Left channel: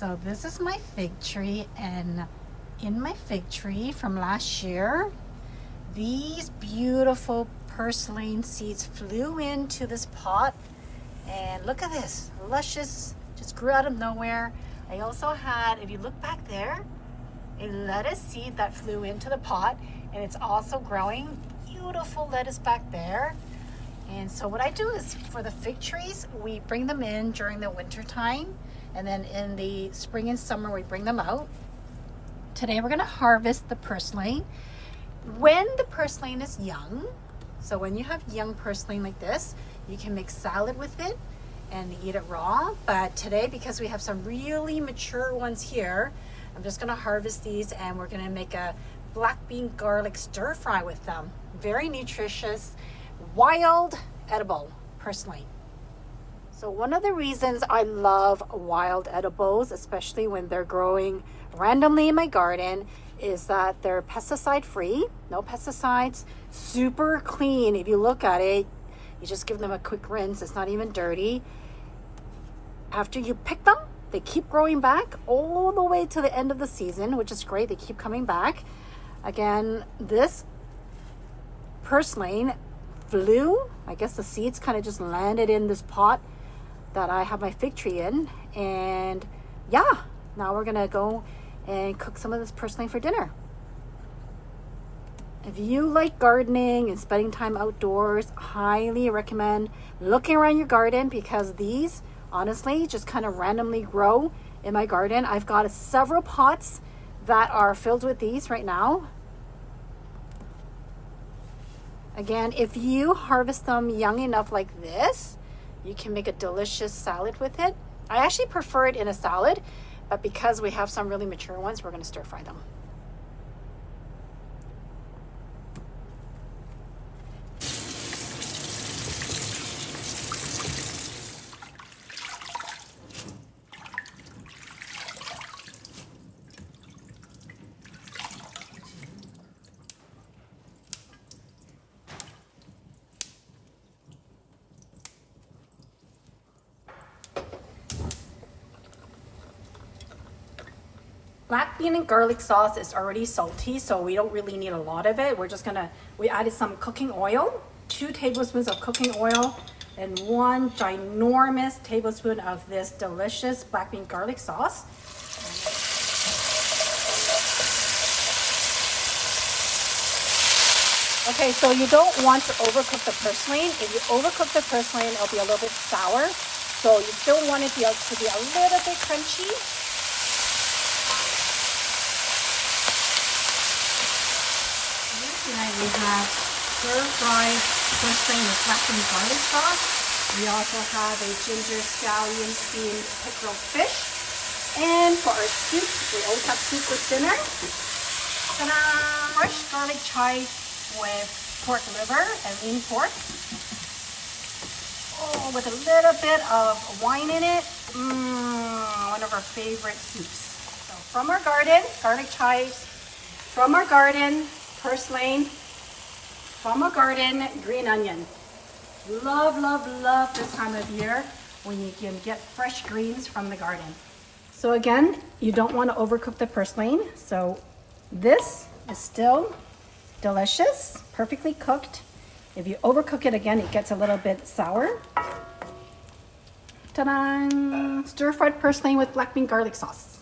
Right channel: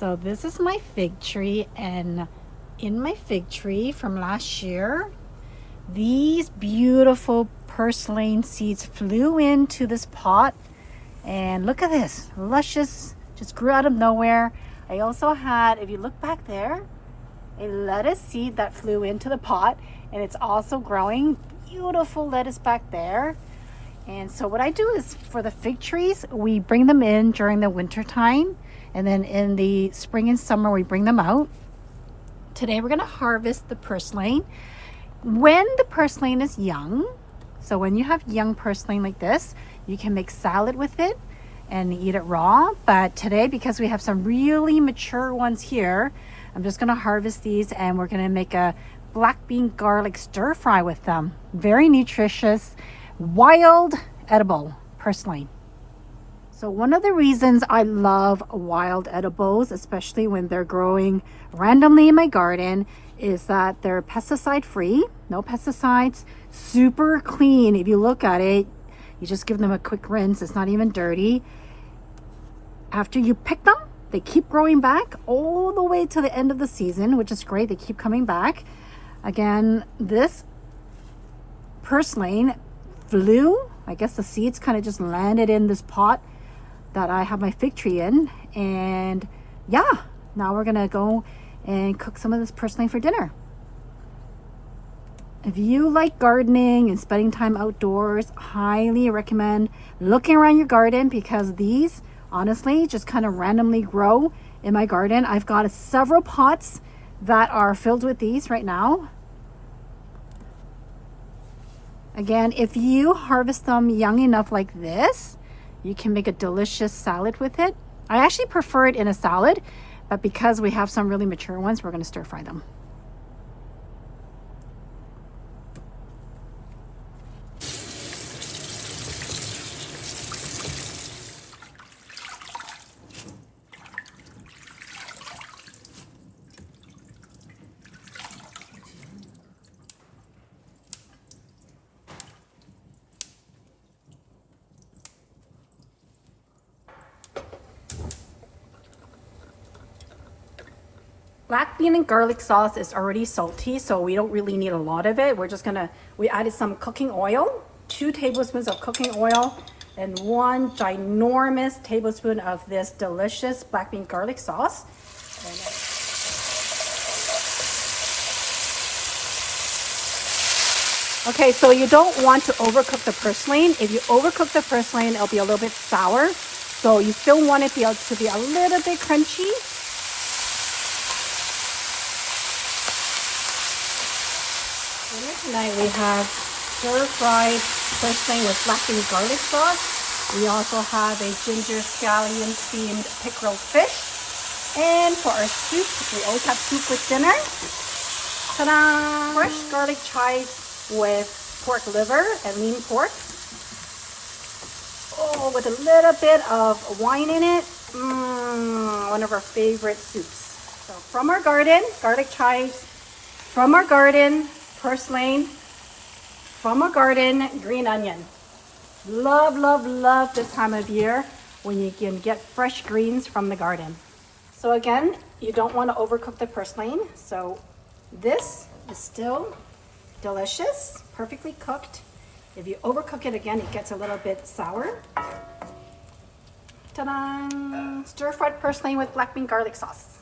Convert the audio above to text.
So this is my fig tree, and in my fig tree from last year, these beautiful purslane seeds flew into this pot, and look at this, luscious, just grew out of nowhere. I also had, if you look back there, a lettuce seed that flew into the pot, and it's also growing. Beautiful lettuce back there. And so what I do is, for the fig trees, we bring them in during the winter time, and then in the spring and summer we bring them out. Today we're going to harvest the purslane when the purslane is young. So when you have young purslane like this, you can make salad with it and eat it raw. But today, because we have some really mature ones here, I'm just going to harvest these, and we're going to make a black bean garlic stir fry with them. Very nutritious, wild, edible purslane. So one of the reasons I love wild edibles, especially when they're growing randomly in my garden, is that they're pesticide free, no pesticides, super clean. If you look at it, you just give them a quick rinse, it's not even dirty. After you pick them, they keep growing back all the way to the end of the season, which is great. They keep coming back. Again, this purslane flew, I guess the seeds kind of just landed in this pot that I have my fig tree in. And yeah, now we're gonna go and cook some of this purslane for dinner. If you like gardening and spending time outdoors, highly recommend looking around your garden, because these honestly just kind of randomly grow in my garden. I've got several pots that are filled with these right now. Again, if you harvest them young enough like this, you can make a delicious salad with it. I actually prefer it in a salad, but because we have some really mature ones, we're going to stir fry them. Black bean and garlic sauce is already salty, so we don't really need a lot of it. We added some cooking oil, 2 tablespoons of cooking oil, and 1 ginormous tablespoon of this delicious black bean garlic sauce. Okay, so you don't want to overcook the purslane. If you overcook the purslane, it'll be a little bit sour. So you still want it to be a little bit crunchy. Tonight we have stir-fried purslane with black bean garlic sauce. We also have a ginger scallion steamed pickerel fish. And for our soup, we always have soup with dinner. Ta-da! Fresh garlic chives with pork liver and lean pork. Oh, with a little bit of wine in it. One of our favorite soups. So from our garden, garlic chives. From our garden, purslane. From our garden, green onion. Love, love, love this time of year when you can get fresh greens from the garden. So again, you don't want to overcook the purslane. So this is still delicious, perfectly cooked. If you overcook it, again, it gets a little bit sour. Ta-da! Stir-fried purslane with black bean garlic sauce.